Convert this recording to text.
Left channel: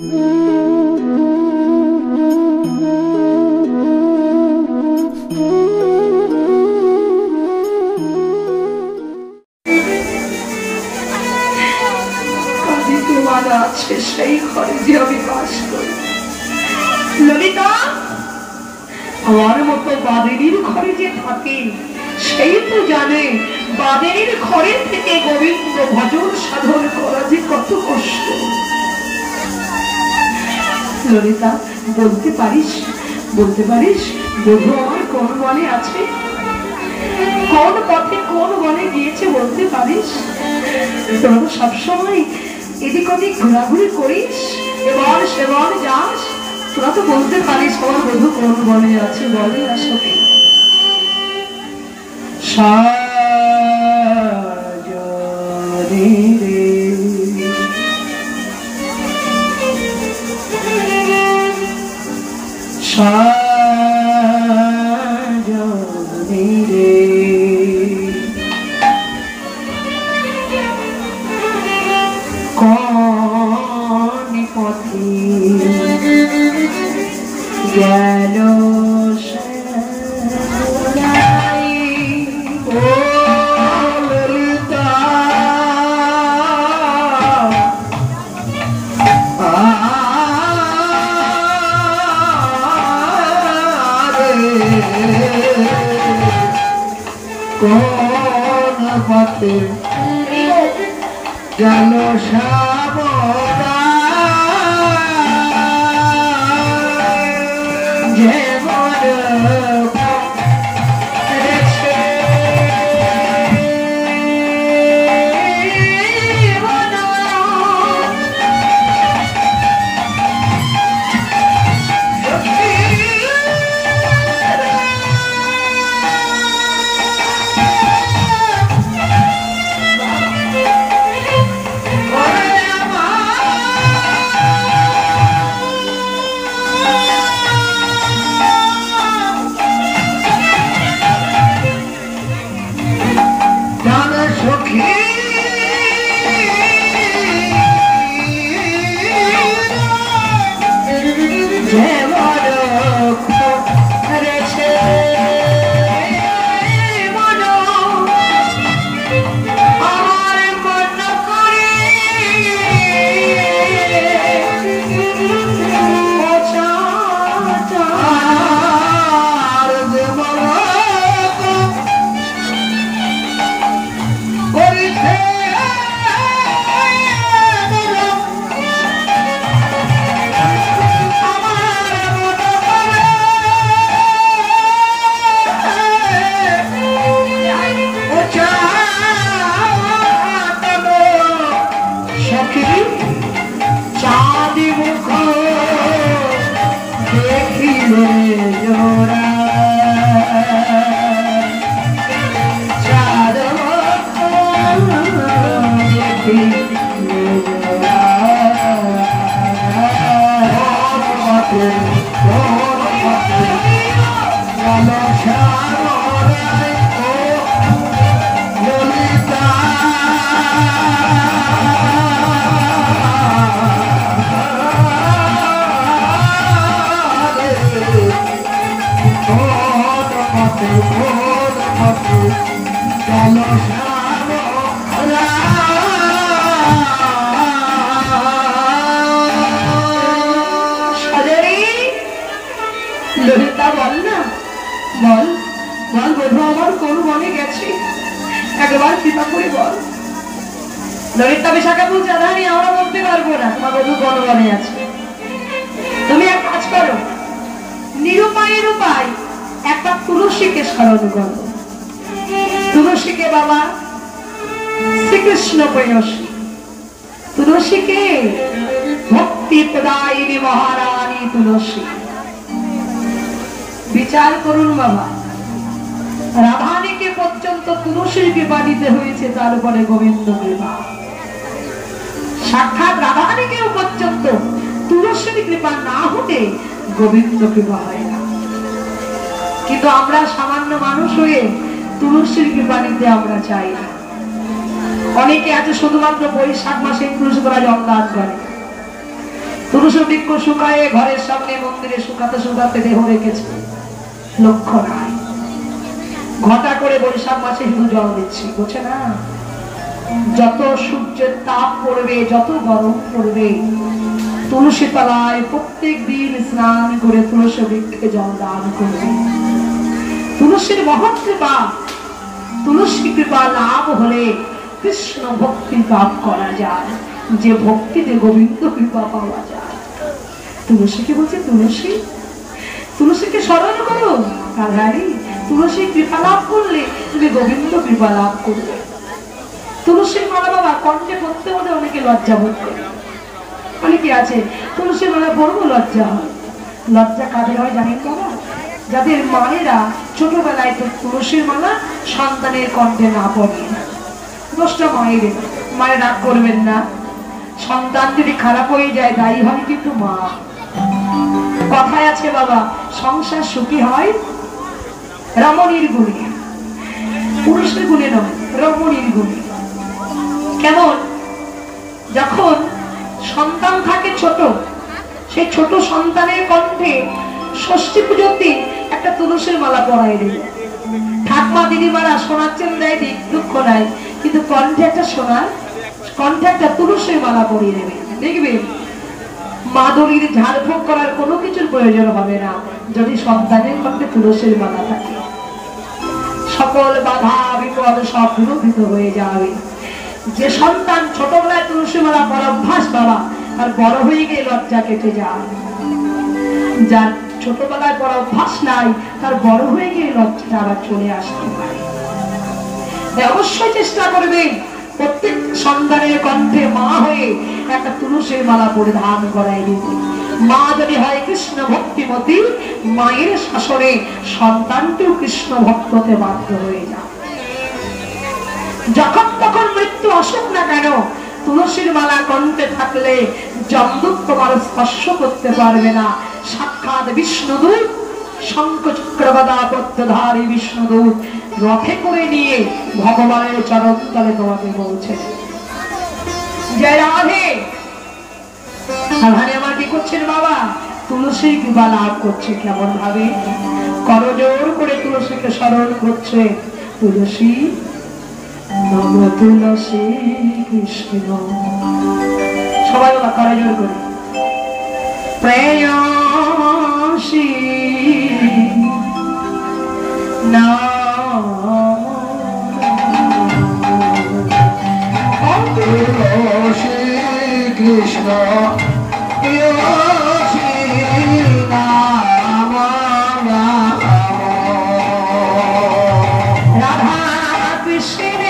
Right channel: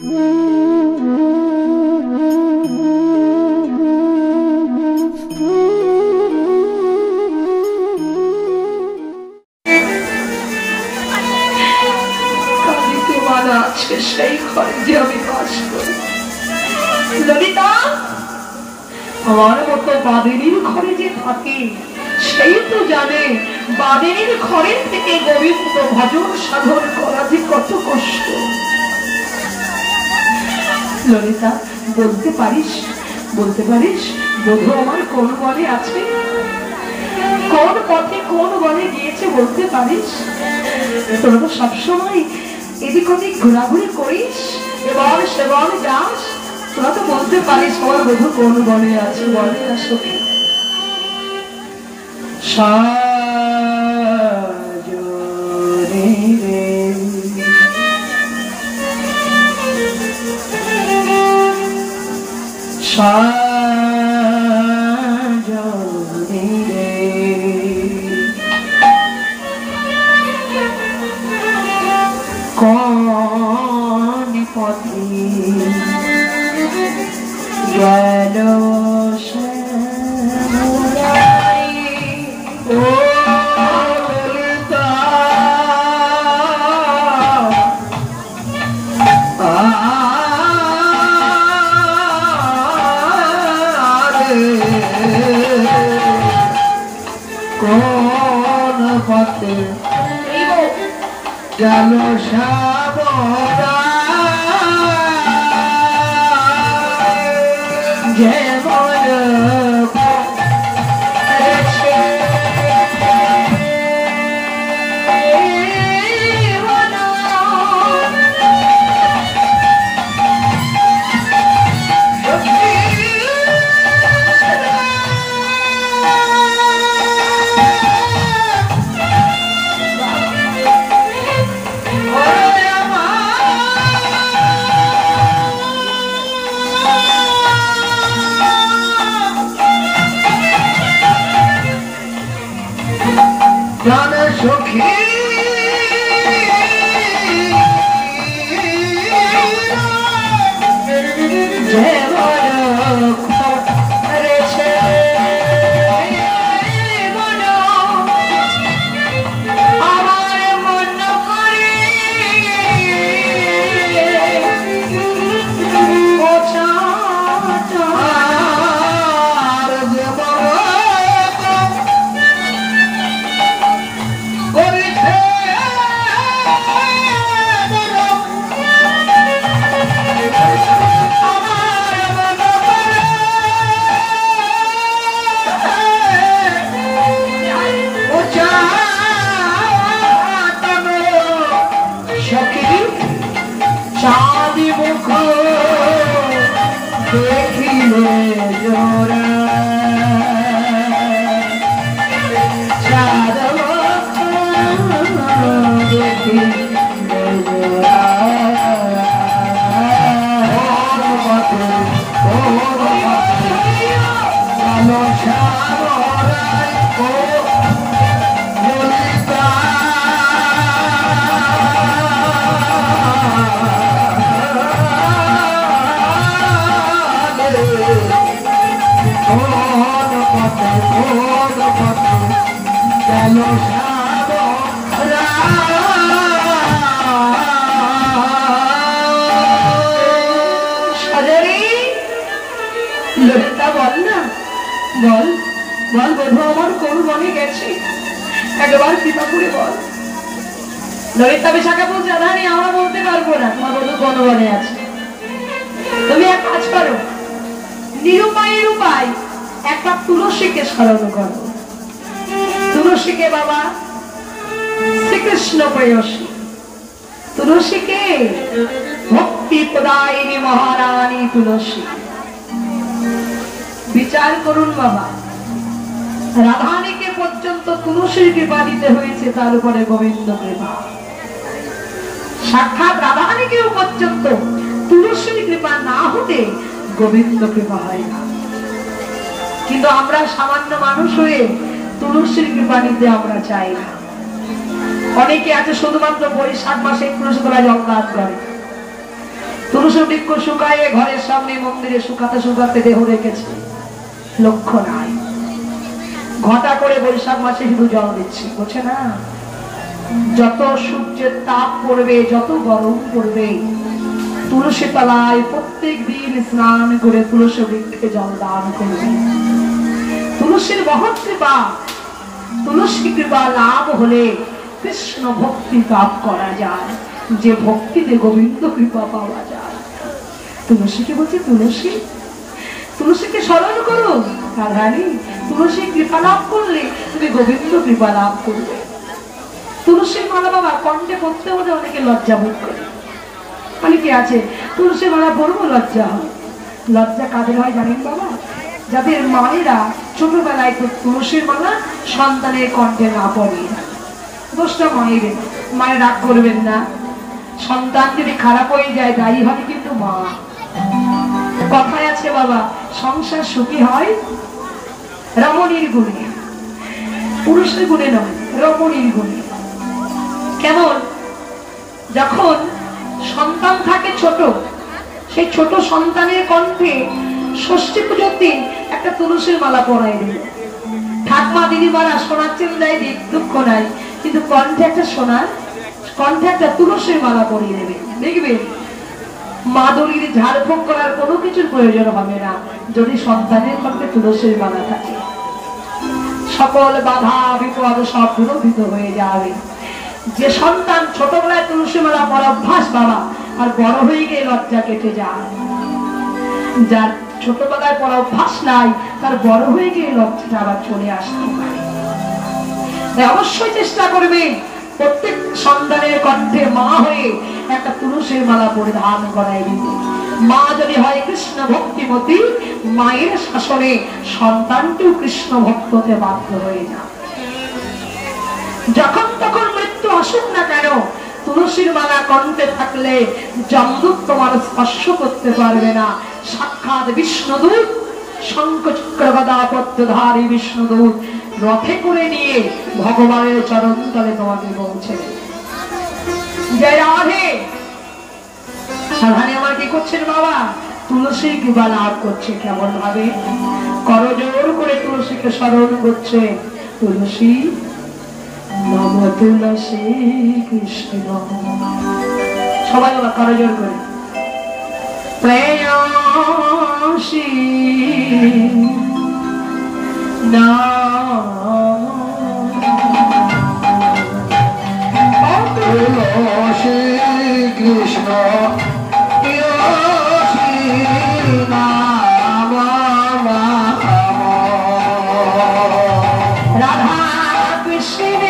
সেই ঘরে যে আমি বাস করি। ললিতা, আমার মতো বাদেরীর ঘরে যে থাকে সেই তো জানে বাদেরীর ঘরে থেকে গোবিন্দ ভজন সাধন করা যে কত কষ্ট। ললিতা, বলতে পারিস বধূ আমার কোন বনে আছে, কোন পথে কোন বনে গিয়েছে বলতে পারিস? তোরা তো সবসময় এদিক ওদিক ঘোরাঘুরি করিস, এবার সেবার যাস, তোরা তো বলতে পারিস আমার বধূ কোন বনে আছে? বলে না সখী। কোন পথে গেল কোন পথে গেল সাবরা যে ললিতা বিশাখা বলছে আধানি আমরা বলতে পারবো না তোমার বধূ কোন বনে আছে। তুমি এক কাজ করো, নিরুপায়ের উপায় একটা তুলসীকে স্মরণ করো। তুলসীকে বাবা শ্রীকৃষ্ণ প্রেয়সী, তুলসীকে ভক্তি প্রদায়িনী মহারানী তুলসী। বিচার করুন বাবা, রাধানীকে পর্যন্ত তুলসীর কৃপা দিতে হয়েছে, তার উপরে গোবিন্দ কৃপা। সাক্ষাৎ রাধানীকেও পর্যন্ত তুলসীর কৃপা না হতে গোবিন্দ কৃপা হয় না। কিন্তু আমরা সামান্য মানুষ হয়ে তুলসীর কৃপা নিতে আমরা চাই না। অনেকে আছে শুধুমাত্র বৈশাখ মাসে তুলসী তলায় জগন্নাথ করে, তুলসী বৃক্ষ শুকায়ে ঘরের সামনে মন্দিরে শুকাতে শুকাতে দেহ রেখেছে, লক্ষ্য নাই। ঘটা করে বৈশাখ মাসে শুধু জল দিচ্ছি, বুঝছে না? যত সূর্যের তাপ পড়বে, যত গরম পড়বে, তুলসী তলায় প্রত্যেক দিন স্নান করে তুলসী বৃক্ষে জল দান করবে। তুলসীর মহৎ কৃপা, তুলসী কৃপা লাভ হলে কৃষ্ণ ভক্তি লাভ করা যায়, যে ভক্তিতে গোবিন্দ কৃপা পাওয়া যায়। তুলসীকে বলছে তুলসী, তুলসীকে স্মরণ করো রাধারানী, তুলসী কৃপা লাভ করলে তুমি গোবিন্দ কৃপা লাভ করবে। তুলসীর মালা বাবা কণ্ঠে পড়তে হলে অনেকে লজ্জা বোধ করে, অনেকে আছে তুলসীর মালা পড়বো লজ্জা হয়। লজ্জা কাদের হয় জানেন তো? যাদের মায়েরা ছোটবেলায় তুলসীর মালা সন্তানের কণ্ঠে না পড়ে। দোষটা মায়ের, মায়ের রাগ করবেন না। সন্তান যদি খারাপ হয়ে যায় দায়ী হবে কিন্তু মা। কথায় আছে বাবা, সংসার সুখী হয় রমণীর গুণে, পুরুষের গুণে নয়, রমণীর গুণে। কেমন? যখন সন্তান থাকে ছোট, সেই ছোট সন্তানের কণ্ঠে ষষ্ঠী পুজোর দিন একটা তুলসীর মালা পরাই দিল। ঠাকুমা দিদিমারা সোনার চেন দেয়, দুঃখ নাই, কিন্তু কণ্ঠে একটা সোনার, কণ্ঠে একটা তুলসীর মালা পরিয়ে দেবে। দেখবে মাদুরির ঝাড়ফুঁক করার কোনো কিছুর প্রয়োজন হবে না যদি সন্তানের কণ্ঠে তুলসীর মালা থাকে। সকল বাধা বিপদ সব বিরোধিত হয়ে যাবে। যে সন্তান ছোটবেলায় তুলসী মালা পরা অভ্যাস বাবা, আর বড় হয়ে গিয়ে লজ্জা কেটে যায়। যার ছোটবেলায় পড়া অভ্যাস নাই, তার বড় হয়ে গিয়ে লজ্জাটা আবার চলে আসতে পারে। অবশ্যই চেষ্টা করবে প্রত্যেক সন্তানের কণ্ঠে মা হয়ে একটা তুলসীর মালা পরিধান করাই দিতে। মা যদি হয় কৃষ্ণ ভক্তিমতী, মায়ের শাসনে সন্তানকেও কৃষ্ণ ভক্তকে বাধ্য হয়ে যায়। যখন তখন মৃত্যু আসুক না কেন, তুলসীর মালা কণ্ঠে থাকলে যমদূত তোমার স্পর্শ করতে পারবে না। সাক্ষাৎ বিষ্ণুদূত, শঙ্খ চক্র গদা পদ্মধারী বিষ্ণুদূত রথে করে নিয়ে ভগবানের চরণ তলে তোমাকে পৌঁছে। জয় রাধে। রাধারে আমার কি করছেন বাবা? তুলসী কৃপা লাভ করছে। কেমন ভাবে? করজোর করে তুলসীকে স্মরণ করছে। তুলসী নম তুলসী কৃষ্ণ, সবাই ওরা করজোর করে প্রেয়সী না তুলসী কৃষ্ণ রাধা কৃষ্ণ